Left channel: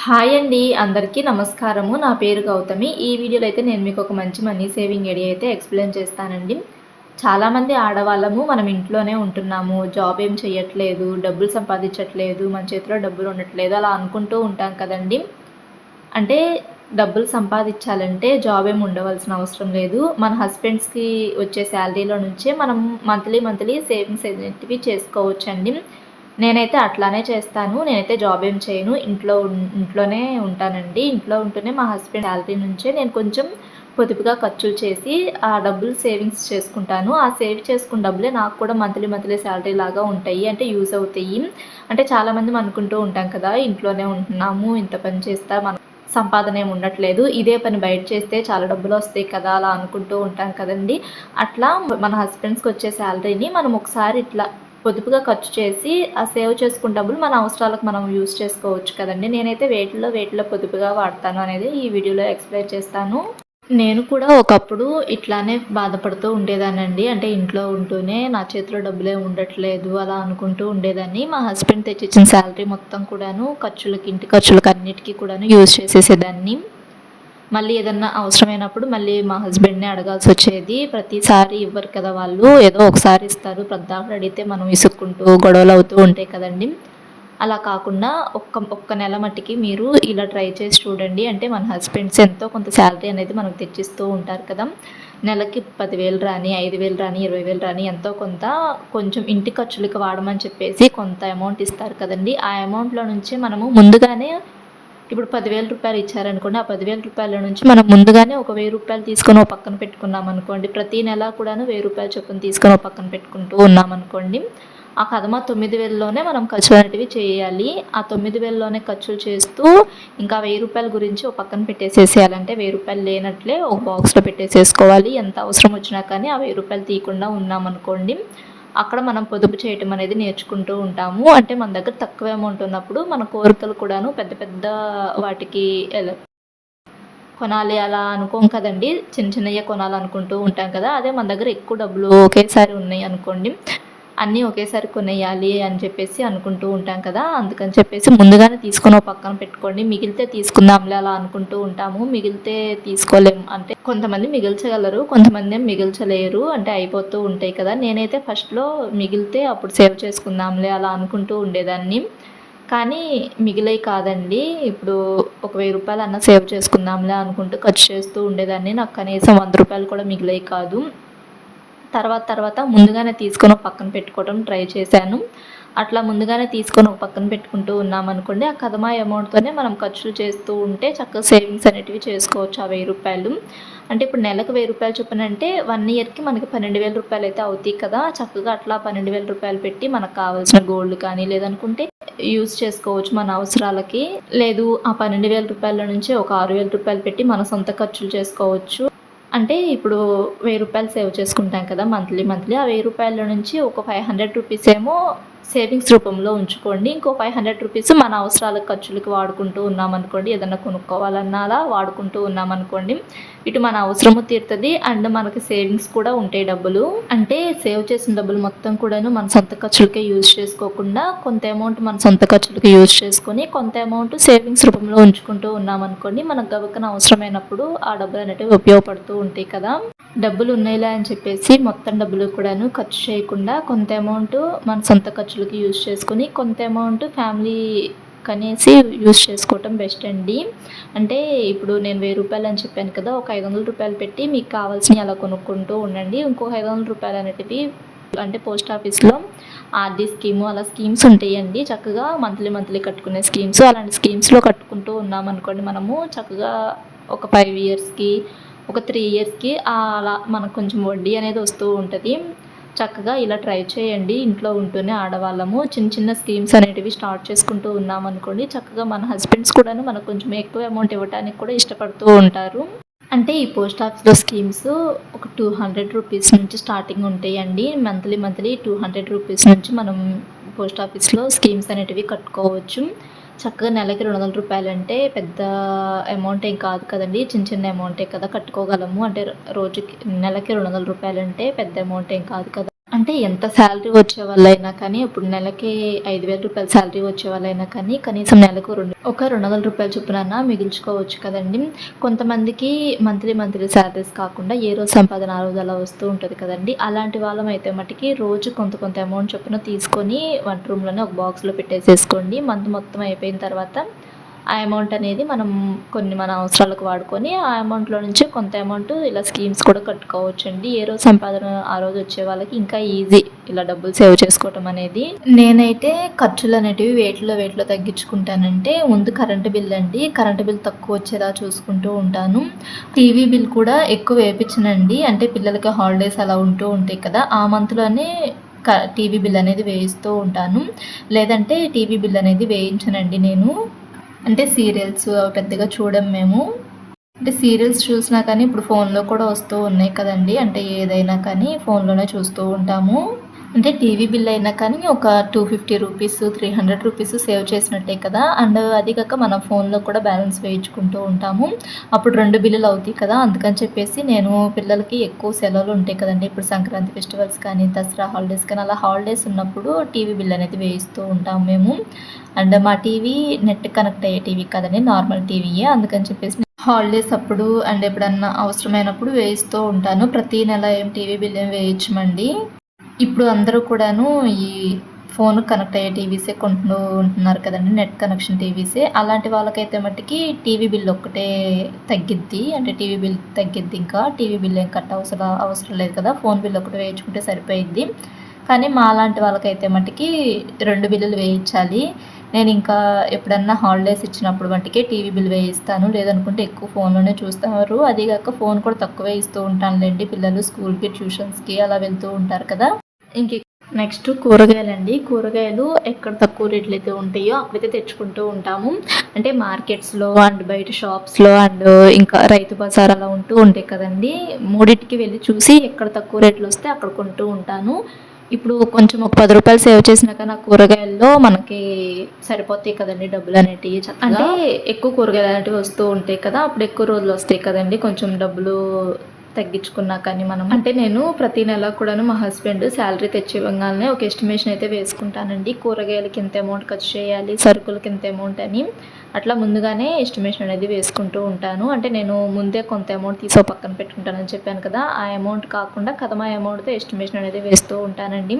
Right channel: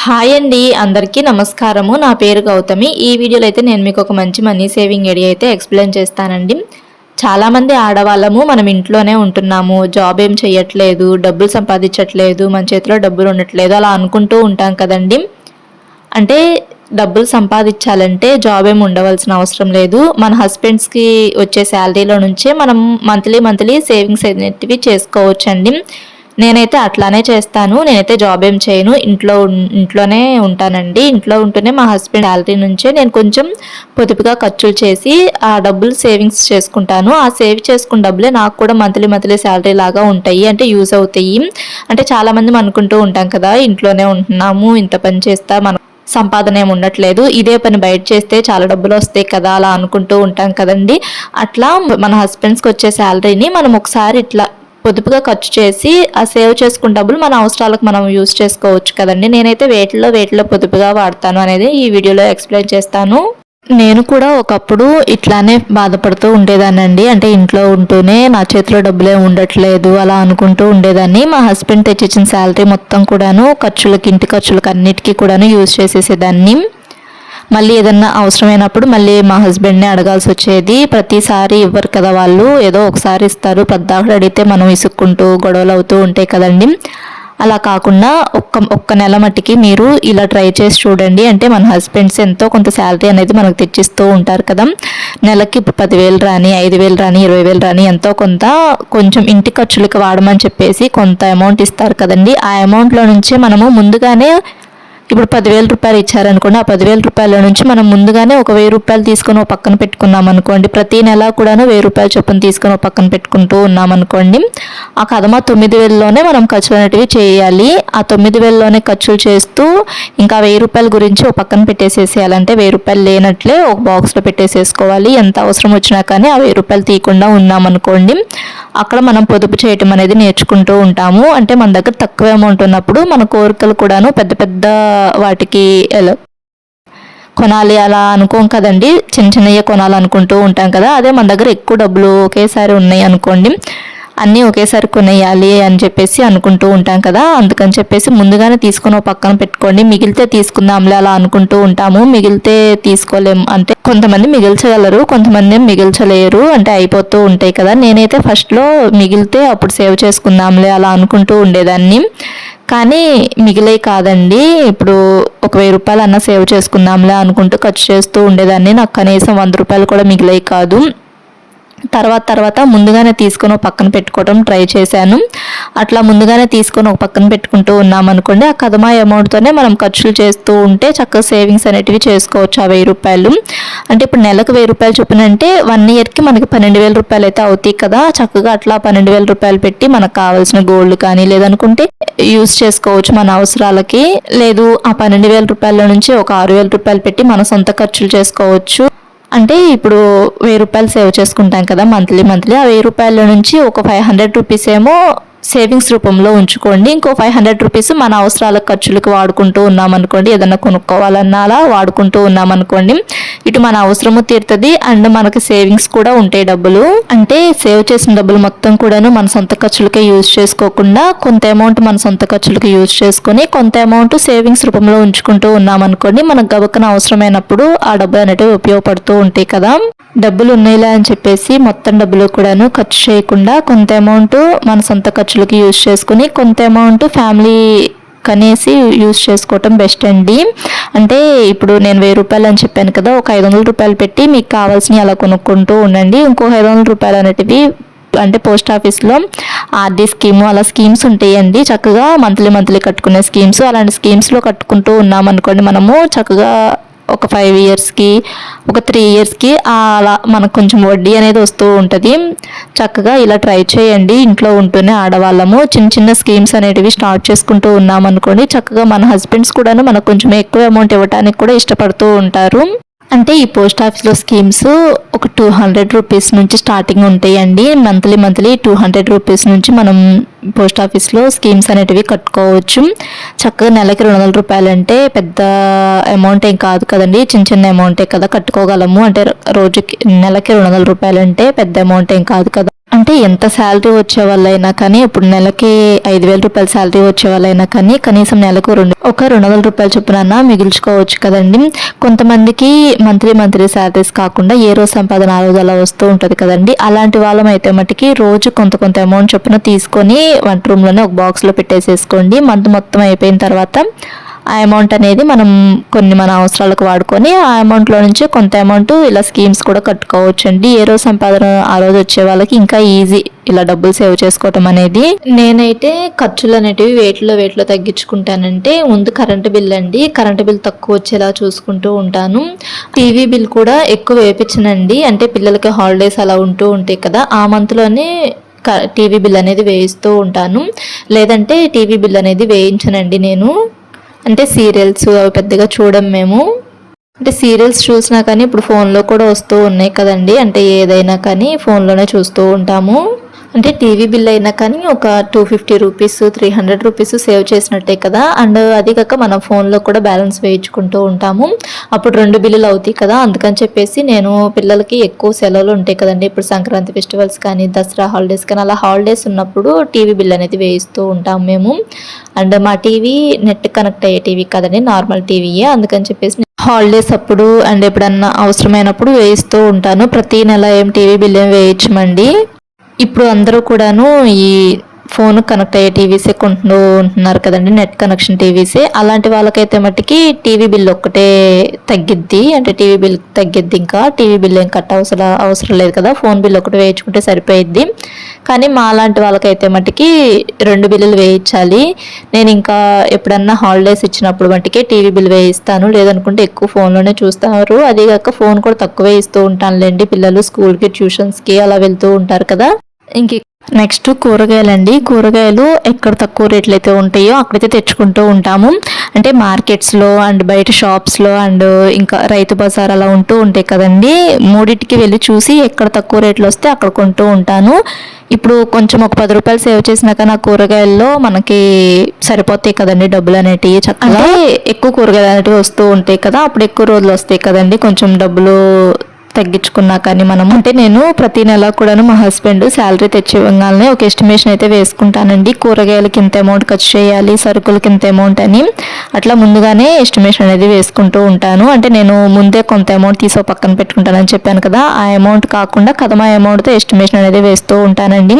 Hi అండి అందరికీ నమస్కారము. నా పేరు గౌతమి. ఈ వీడియోలో అయితే నేను మీకు ఒక మంచి మనీ సేవింగ్ ఐడియా అయితే ఎక్స్ప్లెయిన్ చేస్తానండి. చాలామంది ఆడవాళ్ళము మనం ఇంట్లోనే ఉంటున్నాము. జాబ్ ఏం చేయట్లేదు డబ్బులు సంపాదించట్లేదు మన చేతిలో డబ్బులు ఉండట్లేదు అలా అనుకుంటూ ఉంటాం కదండి. అంటే డబ్బులు సంపాదించాలంటే జాబ్ ఏమి ఉండవలసిన అవసరం లేదు. మన హస్బెండ్స్కి వచ్చే శాలరీలో నుంచే మనం మంత్లీ మంత్లీ సేవింగ్స్ అనేటివి చేసుకోవచ్చండి. నేనైతే అట్లానే చేస్తాను నేనైతే జాబ్ ఏం చేయను. ఇంట్లో ఇంట్లోనే ఉంటానండి. ఇంట్లో ఉంటూనే మా హస్బెండ్ శాలరీ నుంచే నేను కొంచెం పొదుపుగా ఖర్చులు చేసి ఆ డబ్బులు సేవింగ్స్ చేసుకుంటాను. ఆ సేవ్ చేసుకున్న డబ్బులే నాకు కూడా మంత్లీ మంత్లీ శాలరీ లాగా ఉంటాయి అంటే యూజ్ అవుతాయి. అంటే చాలామంది అనుకుంటూ ఉంటాం కదా ఇంట్లోనే ఉంటున్నాము ఇంత పని చేస్తా మన సంపాదన ఏమి ఉండట్లేదు ఇదే పని బయట చేస్తే చాలా డబ్బులు వస్తాయి కదా అలా అనుకుంటూ ఉంటాం కదండి. అట్లా మన హస్బెండ్స్కి వచ్చే శాలరీని మనం ఒకసారి ఇట్లా పొదుపుగా ఖర్చు చేసి ఆ సేవ్ చేసుకున్న డబ్బులు మన అవసరాలకు మనం యూస్ చేసుకోవచ్చు కదండి. నేనైతే వేటిలో వేటిలో పొదుపుగా వాడతాను అనేది ఈ వీడియోలో ఎక్స్ప్లెయిన్ చేస్తాను. నేను కూడా ఒకప్పుడు ఇట్లానే బాధపడుతూ ఉండేదానండి అంటే ఇంట్లో ఉంటూనే నా చేతిలో డబ్బులే ఉండట్లేదు అలా అనుకుంటూ ఉండేదాన్ని. మా హస్బెండ్ తెచ్చిచ్చిన శాలరీ మొత్తం కూడాను ఖర్చులకి ఇంటి ఖర్చులకి అన్నిటికీ కూడాను యూజ్ చేసేసేదాన్ని. మళ్ళీ ఏదన్నా అవసరమైనప్పుడు మళ్ళీ మా హస్బెండ్ని అడగాల్సి వచ్చేది. ప్రతిసారి ఇవ్వరు కదా వాళ్ళు. ఏదో ఒకసారి ఇస్తారు. పెద్దాకుడు అడిగితే మనం ఇసుక్కుంటూ గొడవలు అవుతూ ఉంటాయి కదండి. అలా కాకుండా ఒక్క ఒక్క నెల మట్టికి మీరు ఇలా ట్రై చేసి చూడండి. అంటే మన హస్బెండ్స్ ఎంతో కొంత శాలరీ అనేది మనకు తెచ్చిస్తూ ఉంటారు కదా. నెలకి పదివేలు రాని ఐదు వేలు రాని ఇరవై వేలు రాని ఎంతో కొంత కొంచెం ఇంటి ఖర్చులకు వాడమని చెప్పేసి కొంత అమౌంట్ ఇస్తారు కదండి. ఆ అమౌంట్లో నుంచే మనము ముందుగానే ఇప్పుడు పదివేల రూపాయలు ఇచ్చారనుకోండి ఆ పదివేల రూపాయల నుంచి మనం ముందుగానే ఒక వెయ్యి రూపాయలు తీసుకొని ఒక పక్కన పెట్టుకున్నాం అనుకోండి ప్రతి నెల కూడాను వెయ్యి రూపాయలు చొప్పున తీసుకొని ఒక పక్కన పెట్టుకుంటూ ఉన్నాం అనుకోండి ఆ కథమ తొమ్మిది వేలలోనే మనం ఖర్చులు అనేటివి చేయాలి. ఆ తొమ్మిది వేలలోనే ఖర్చులు చేస్తూ ఇంకా వెయ్యి రూపాయల గురించి ఒక పక్కన పెట్టేసేసేయాలంటే వెయ్యి రూపాయలు లేనట్లే ఒక బాక్స్లో పెట్టేసేసుకోవాలి. ఎంత అవసరం వచ్చినా కానీ ఆ వెయ్యి రూపాయలు తీయకుండా ఉన్నామనుకోండి అక్కడ మనం పొదుపు చేయటం అనేది నేర్చుకుంటూ ఉంటాము. అంటే మన దగ్గర తక్కువ అమౌంట్ ఉన్నప్పుడు మన కోరికలు కూడాను పెద్ద పెద్ద వాటికి ఎలా కొనాలి అలా అనుకోం కదండి. చిన్న చిన్నయ్య కొనాలనుకుంటూ ఉంటాం కదా. అదే మన దగ్గర ఎక్కువ డబ్బులు ఒకేసారి ఉన్నాయి అనుకోండి. అన్నీ ఒకేసారి కొనేయాలి అని చెప్పేసి అనుకుంటూ ఉంటాం కదా. అందుకని చెప్పేసి ముందుగానే తీసుకొని ఒక పక్కన పెట్టుకోండి. మిగిలితే తీసుకుందాంలే అలా అనుకుంటూ ఉంటాము. మిగిలితే తీసుకోలేము అంటే కొంతమంది మిగిల్చగలరు కొంతమంది మిగిల్చలేరు అంటే అయిపోతూ ఉంటాయి కదా. నేనైతే ఫస్ట్లో మిగిలితే అప్పుడు సేవ్ చేసుకుందాంలే అలా అనుకుంటూ ఉండేదాన్ని. కానీ మిగిలే కాదండి. ఇప్పుడు ఒక వెయ్యి రూపాయలు అన్న సేవ్ చేసుకుందాంలే అనుకుంటూ ఖర్చు చేస్తూ ఉండేదాన్ని. నాకు కనీసం వంద రూపాయలు కూడా మిగిలే కాదు. తర్వాత తర్వాత ముందుగానే తీసుకొని ఒక పక్కన పెట్టుకోవడం ట్రై చేశాను. అట్లా ముందుగానే తీసుకొని ఒక పక్కన పెట్టుకుంటూ ఉన్నామనుకోండి ఆ కదమా అమౌంట్తోనే మనం ఖర్చులు చేస్తూ ఉంటే చక్కగా సేవింగ్స్ అనేటివి చేసుకోవచ్చు ఆ వెయ్యి రూపాయలు. అంటే ఇప్పుడు నెలకు వెయ్యి రూపాయలు చొప్పున అంటే వన్ ఇయర్కి మనకి పన్నెండు వేల రూపాయలు అయితే అవుతాయి కదా. చక్కగా అట్లా పన్నెండు వేల రూపాయలు పెట్టి మనకు కావాల్సిన గోల్డ్ కానీ లేదనుకుంటే యూస్ చేసుకోవచ్చు మన అవసరాలకి. లేదు ఆ పన్నెండు వేల రూపాయల నుంచి ఒక ఆరు వేల రూపాయలు పెట్టి మన సొంత ఖర్చులు చేసుకోవచ్చు. అంటే ఇప్పుడు వెయ్యి రూపాయలు సేవ్ చేసుకుంటాం కదా మంత్లీ మంత్లీ. ఆ వెయ్యి రూపాయల నుంచి ఒక ఫైవ్ హండ్రెడ్ రూపీస్ ఏమో సేవింగ్స్ రూపంలో ఉంచుకోండి. ఇంకో ఫైవ్ హండ్రెడ్ రూపీస్ మన అవసరాల ఖర్చులకు వాడుకుంటూ ఉన్నామనుకోండి. ఏదన్నా కొనుక్కోవాలన్నా అలా వాడుకుంటూ ఉన్నామనుకోండి. ఇటు మన అవసరము తీరుతుంది. అండ్ మనకి సేవింగ్స్ కూడా ఉంటాయి డబ్బులు. అంటే సేవ్ చేసిన డబ్బులు మొత్తం కూడాను మన సొంత ఖర్చులకే యూజ్ చేసుకోకుండా కొంత అమౌంట్ మన సొంత ఖర్చులకి యూజ్ చేసుకొని కొంత అమౌంట్ సేవింగ్స్ రూపంలో ఉంచుకుంటూ ఉన్నామనుకోండి. మనకు గబక్కన అవసరమైనప్పుడు ఆ డబ్బులు అనేటివి ఉపయోగపడుతూ ఉంటాయి కదా. డబ్బులు ఉన్నాయిలా అని చెప్పేసి మొత్తం డబ్బులు కూడాను ఖర్చు చేయకుండా కొంత అమౌంట్ మన సొంత ఖర్చు ఖర్చులకి యూజ్ చేసుకుని కొంత అమౌంట్ ఫ్యామిలీ కనేసి యూజ్ చేసుకోవటం బెస్ట్ అండి. అంటే ఇప్పుడు నేను వెయ్యి రూపాయలు అని చెప్పాను కదా ఒక ఐదు వందల రూపాయలు పెట్టి మీకు కావాల్సినవి అలా కొనుక్కుంటూ ఉండండి. ఇంకో ఐదు వందల రూపాయలు అనేటివి అంటే పోస్ట్ ఆఫీస్లో ఆర్డీ స్కీము అలా స్కీమ్స్ ఉంటాయండి. చక్కగా మంత్లీ మంత్లీ కట్టుకునే స్కీమ్స్ అలాంటి స్కీమ్స్లో కట్టుకుంటూ ఉన్నామనుకోండి మనము చక్కగా ఒక ఫైవ్ ఇయర్స్కి ఒక త్రీ ఇయర్స్కి అలా మనకు కొంచెం వడ్డీ అనేది వస్తూ ఉంటుంది. చక్కగా ఇలా ట్రై చేయండి. ఇంట్లో ఉంటూనే ఆడవాళ్ళము. చిన్న చిన్న స్కీమ్స్ అనేటివి స్టార్ట్ చేసుకుంటూ ఉన్నామనుకోండి చక్కగా మన హస్బెండ్స్ కూడాను మనకు కొంచెం ఎక్కువ అమౌంట్ ఇవ్వడానికి కూడా ఇష్టపడుతూ ఉంటారు. అంటే ఈ పోస్ట్ ఆఫీస్లో స్కీమ్స్ ఒక టూ హండ్రెడ్ రూపీస్ నుంచి స్టార్టింగ్ ఉంటాయండి. Monthly monthly two hundred rupees నుంచి మనం పోస్ట్ ఆఫీస్లో స్కీమ్స్ అనేటివి కట్టుకోవచ్చు. చక్కగా నెలకి రెండు వందల రూపాయలు అంటే పెద్ద అమౌంట్ ఏం కాదు కదండి. చిన్న చిన్న అమౌంటే కదా కట్టుకోగలము. అంటే రోజుకి నెలకి రెండు వందల రూపాయలు అంటే పెద్ద అమౌంట్ ఏం కాదు కదా. అంటే ఎంత శాలరీ వచ్చే వాళ్ళైనా కానీ ఇప్పుడు నెలకి ఐదు వేల రూపాయల శాలరీ వచ్చే వాళ్ళైనా కానీ కనీసం నెలకు రెండు ఒక రెండు వందల రూపాయల చొప్పున మిగిల్చుకోవచ్చు కదండి. కొంతమందికి మంత్లీ మంత్లీ శాలరీస్ కాకుండా ఏ రోజు సంపాదన ఆ రోజు అలా వస్తూ ఉంటుంది కదండి. అలాంటి వాళ్ళం అయితే మటుకి రోజు కొంత కొంత అమౌంట్ చొప్పున తీసుకొని వంట రూమ్లోనే ఒక బాక్స్లో పెట్టేసేసుకోండి. మంత్ మొత్తం అయిపోయిన తర్వాత ఆ అమౌంట్ అనేది మనం కొన్ని మన అవసరాలకు వాడుకొని ఆ అమౌంట్లో నుంచి కొంత అమౌంట్ ఇలా స్కీమ్స్ కూడా కట్టుకోవచ్చు అండి ఏ రోజు సంపాదన ఆ రోజు వచ్చే వాళ్ళకి ఇంకా ఈజీ ఇలా డబ్బులు సేవ్ చేసుకోవటం అనేది. నేనైతే ఖర్చులు అనేటివి వేటిలో వేటిలో తగ్గించుకుంటానంటే ముందు కరెంటు బిల్ అండి. కరెంటు బిల్ తక్కువ వచ్చేలా చూసుకుంటూ ఉంటాను. టీవీ బిల్ కూడా ఎక్కువ వేపించనండి అంటే పిల్లలకి హాలిడేస్ అలా ఉంటూ ఉంటాయి కదా ఆ మంత్లోనే టీవీ బిల్ అనేది వేయిస్తూ ఉంటాను. లేదంటే టీవీ బిల్ అనేది వేయించనండి నేను. అంటే సీరియల్స్ అవి పెద్దగా చూడం మేము. అంటే సీరియల్స్ చూసినా కానీ ఇప్పుడు ఫోన్లో కూడా వస్తూ ఉన్నాయి కదండి. అంటే ఏదైనా కానీ ఫోన్లోనే చూస్తూ ఉంటాము. అంటే టీవీ బిల్ అయినా కానీ ఒక two fifty rupees three hundred rupees save చేసినట్టే కదా. అండ్ అది కాక మనం ఫోన్లో కూడా బ్యాలెన్స్ వేయించుకుంటూ ఉంటాము. అప్పుడు రెండు బిల్లులు అవుతాయి కదా. అందుకని చెప్పేసి నేను పిల్లలకి ఎక్కువ సెలవులు ఉంటాయి కదండి. ఇప్పుడు సంక్రాంతి ఫెస్టివల్స్ కానీ దసరా హాలిడేస్ కానీ అలా హాలిడేస్ ఉన్నప్పుడు టీవీ బిల్ అనేది వేయిస్తూ ఉంటాము మేము. అండ్ మా టీవీ నెట్ కనెక్ట్ అయ్యే టీవీ కదండి. నార్మల్ టీవీయే. అందుకని చెప్పేసి హాలిడేస్ అప్పుడు అండ్ ఎప్పుడన్నా అవసరమైనప్పుడు వేయిస్తూ ఉంటాను. ప్రతి నెల ఏం టీవీ బిల్ ఏం వేయించమండి. ఇప్పుడు అందరూ కూడాను ఈ ఫోన్ కనెక్ట్ అయ్యే టీవీసే కొంటూ ఉంటున్నారు కదండి నెట్ కనెక్షన్ టీవీసే అలాంటి వాళ్ళకైతే మట్టుకి టీవీ బిల్ ఒక్కటే తగ్గిద్ది. అంటే టీవీ బిల్ తగ్గిద్ది ఇంకా. టీవీ బిల్ ఏం కట్ అవసరం అవసరం లేదు కదా. ఫోన్ బిల్ ఒకటి వేయించుకుంటే సరిపోయిద్ది. కానీ మా లాంటి వాళ్ళకైతే మట్టుకి రెండు బిల్లులు వేయించాలి. నేను ఇంకా ఎప్పుడన్నా హాలిడేస్ ఇచ్చినప్పుడు మట్టుకే టీవీ బిల్ వేయిస్తాను. లేదనుకుంటే ఎక్కువ ఫోన్లోనే చూస్తారు. అదే కాక ఫోన్ కూడా తక్కువే ఇస్తూ ఉంటానులేండి పిల్లలు స్కూల్కి ట్యూషన్స్కి అలా వెళ్తూ ఉంటారు కదా. ఇంక నెక్స్ట్ కూరగాయలండి. కూరగాయలు ఎక్కడ తక్కువ రేట్లు అయితే ఉంటాయో అక్కడైతే తెచ్చుకుంటూ ఉంటాము. అంటే మార్కెట్స్లో అండ్ బయట షాప్స్లో అండ్ ఇంకా రైతు బజార్ అలా ఉంటూ ఉంటాయి కదండి. మూడింటికి వెళ్ళి చూసి ఎక్కడ తక్కువ రేట్లు వస్తే అక్కడ కొంటూ ఉంటాను. ఇప్పుడు కొంచెం ఒక పది రూపాయలు సేవ్ చేసినాక నా కూరగాయల్లో మనకి సరిపోతాయి కదండి డబ్బులు అనేటివి చక్కగా. ఎక్కువ కూరగాయలు అనేటివి వస్తూ ఉంటాయి కదా అప్పుడు ఎక్కువ రోజులు వస్తాయి కదండి. కొంచెం డబ్బులు తగ్గించుకున్నా కానీ మనం అంటే నేను ప్రతి నెల కూడాను మా హస్బెండ్ శాలరీ తెచ్చివ్వగానే ఒక ఎస్టిమేషన్ అయితే వేసుకుంటానండి. కూరగాయలకి ఇంత అమౌంట్ ఖర్చు చేయాలి సరుకులకి ఇంత అమౌంట్ అని. అట్లా ముందుగానే ఎస్టిమేషన్ అనేది వేసుకుంటూ ఉంటాను. అంటే నేను ముందే కొంత అమౌంట్ తీసో పక్కన పెట్టుకుంటానని చెప్పాను కదా ఆ అమౌంట్ కాకుండా కథమా అమౌంట్తో ఎస్టిమేషన్ అనేది వేస్తూ ఉంటానండి.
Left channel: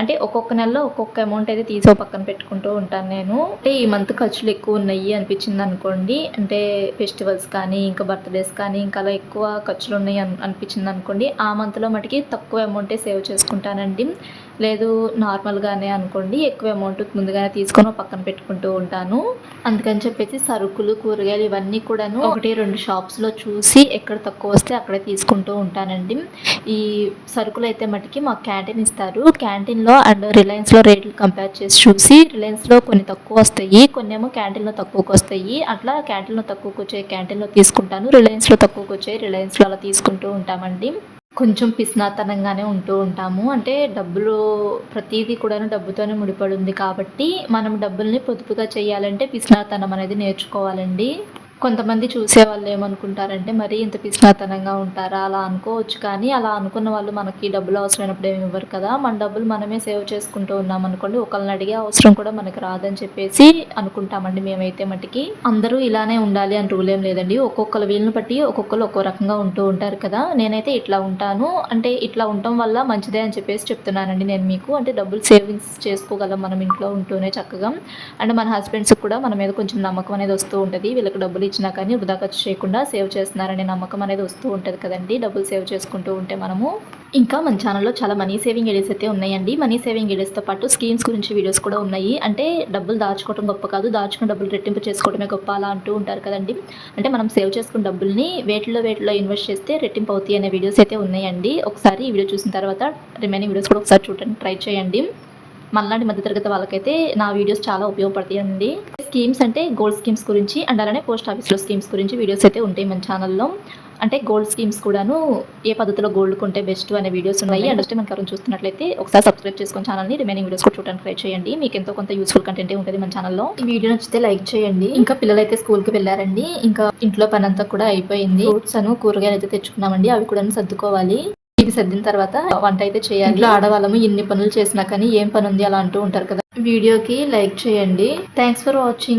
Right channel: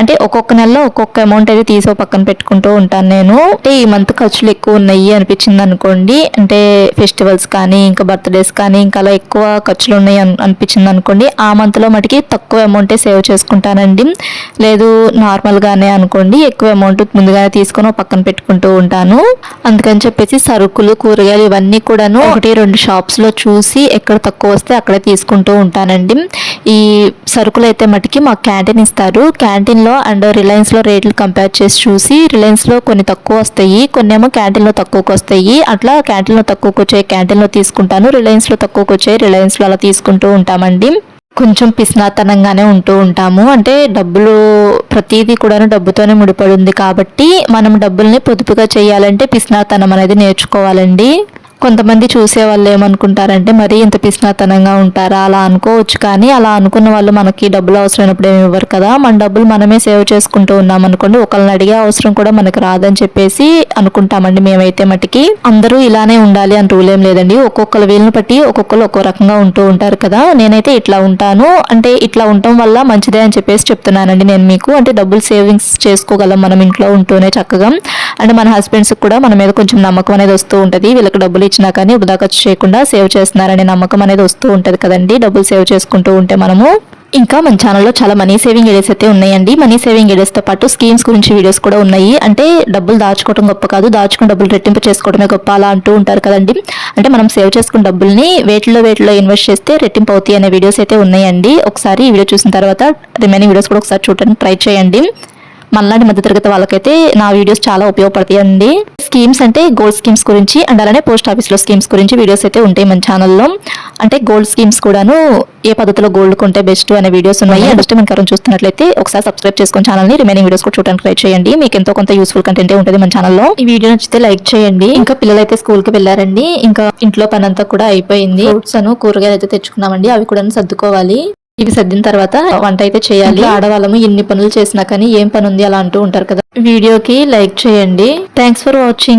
అంటే ఒక్కొక్క నెలలో ఒక్కొక్క అమౌంట్ అయితే తీసో పక్కన పెట్టుకుంటూ ఉంటాను నేను. అంటే ఈ మంత్ ఖర్చులు ఎక్కువ ఉన్నాయి అనిపించింది అనుకోండి అంటే ఫెస్టివల్స్ కానీ ఇంకా బర్త్డేస్ కానీ ఇంకా అలా ఎక్కువ ఖర్చులు ఉన్నాయి అనిపించింది అనుకోండి ఆ మంత్లో మటుకి తక్కువ అమౌంటే సేవ్ చేసుకుంటానండి. లేదు నార్మల్గానే అనుకోండి ఎక్కువ అమౌంట్ ముందుగానే తీసుకొని పక్కన పెట్టుకుంటూ ఉంటాను. అందుకని చెప్పేసి సరుకులు కూరగాయలు ఇవన్నీ కూడాను ఒకటి రెండు షాప్స్లో చూసి ఎక్కడ తక్కువ వస్తే అక్కడే తీసుకుంటూ ఉంటానండి. ఈ సరుకులు అయితే మటుకి మాకు క్యాంటీన్ ఇస్తారు. క్యాంటీన్లో అండ్ రిలయన్స్లో రేట్లు కంపేర్ చేసి చూసి రిలయన్స్లో కొన్ని తక్కువ వస్తాయి కొన్ని ఏమో క్యాంటీన్లో తక్కువకు వస్తాయి. అట్లా క్యాంటీన్లో తక్కువకు వచ్చాయి క్యాంటీన్లో తీసుకుంటాను రిలయన్స్లో తక్కువకు వచ్చే రిలయన్స్లో అలా చేసుకుంటూ ఉంటామండి. కొంచెం పిస్నాతనంగానే ఉంటూ ఉంటాము. అంటే డబ్బులు ప్రతిదీ కూడాను డబ్బుతోనే ముడిపడి ఉంది కాబట్టి మనం డబ్బుల్ని పొదుపుగా చేయాలంటే పిస్నాతనం అనేది నేర్చుకోవాలండి. కొంతమంది చూసే వాళ్ళు ఏమనుకుంటారంటే మరీ ఇంత పిసినాతనంగా ఉంటారా? అలా అనుకోవచ్చు కానీ అలా అనుకున్న వాళ్ళు మనకి డబ్బులు అవసరమైనప్పుడు ఏమి ఇవ్వరు కదా. మన డబ్బులు మనమే సేవ్ చేసుకుంటూ ఉన్నాం అనుకోండి ఒకళ్ళని అడిగే అవసరం కూడా మనకు రాదని చెప్పేసి అనుకుంటామండి మేమైతే మటుకి. అందరూ ఇలానే ఉండాలి అని రూల్ ఏం లేదండి. ఒక్కొక్కరు వీళ్ళని బట్టి ఒక్కొక్కరు ఒక్కో రకంగా ఉంటూ ఉంటారు కదా. నేనైతే ఇట్లా ఉంటాను. అంటే ఇట్లా ఉండటం వల్ల మంచిదే అని చెప్పేసి చెప్తున్నానండి నేను మీకు. అంటే డబ్బులు సేవింగ్స్ చేసుకోగలం మనం ఇంట్లో ఉంటూనే చక్కగా. అంటే మన హస్బెండ్స్ కూడా మన మీద కొంచెం నమ్మకం అనేది వస్తూ ఉంటుంది. వీళ్ళకి డబ్బులు ఇచ్చినా కానీ వృధా ఖర్చు చేయకుండా సేవ్ చేస్తున్నారనే నమ్మకం అనేది వస్తూ ఉంటుంది కదండి. డబ్బులు సేవ్ చేసుకుంటూ ఉంటే మనము ఇంకా మన ఛానల్లో చాలా మనీ సేవింగ్ ఐడియాస్ అయితే ఉన్నాయండి. మనీ సేవింగ్ ఐడియాస్తో పాటు స్కీమ్స్ గురించి వీడియోస్ కూడా ఉన్నాయి. అంటే డబ్బులు దాచుకోవడం గొప్ప కాదు. దాచుకుని డబ్బులు రెట్టింపు చేసుకోవడమే గొప్ప అలా అంటూ ఉంటారు కదండి. అంటే మనం సేవ్ చేసుకున్న డబ్బుల్ని వేటిలో వేటిలో ఇన్వెస్ట్ చేస్తే రెట్టింపు అవుతాయి అనే వీడియోస్ అయితే ఉన్నాయండి. ఒకసారి ఈ వీడియో చూసిన తర్వాత రిమైనింగ్ వీడియోస్ కూడా ఒకసారి చూడడానికి ట్రై చేయండి. మళ్ళీ మధ్య తరగతి వాళ్ళకైతే నా వీడియోస్ చాలా ఉపయోగపడతాయండి. స్కీమ్స్ అంటే గోల్డ్ స్కీమ్స్ గురించి అండ్ అలానే పోస్ట్ ఆఫీస్లో స్కీమ్స్ గురించి వీడియోస్ అయితే ఉంటాయి మన ఛానల్లో. అంటే గోల్డ్ స్కీమ్స్ కూడాను ఏ పద్ధతిలో గోల్డ్ కొంటే బెస్ట్ అనే వీడియోస్ ఉన్నాయి. ఫస్ట్ మన కరం చూస్తున్నట్లయితే ఒకసారి సబ్స్క్రైబ్ చేసుకుని ఛానల్ని రిమైనింగ్ వీడియోస్ కూడా చూడడానికి ట్రై చేయండి. మీకు ఎంతో కొంత యూస్ఫుల్ కంటెంట్ ఉంటుంది మన ఛానల్లో. ఈ వీడియో నచ్చితే లైక్ చేయండి. ఇంకా పిల్లలు అయితే స్కూల్కి వెళ్ళారండి. ఇంకా ఇంట్లో పని అంతా కూడా అయిపోయింది. ఫ్రూట్స్ అను కూరగాయలు అయితే తెచ్చుకున్నామండి. అవి కూడా సర్దుకోవాలి. ఇవి సర్దిన తర్వాత వంట అయితే చేయాలి. ఆడవాళ్ళము ఎన్ని పనులు చేసినా కానీ ఏం పని ఉంది అలా అంటూ ఉంటారు కదా. వీడియోకి లైక్ చేయండి. Thanks for watching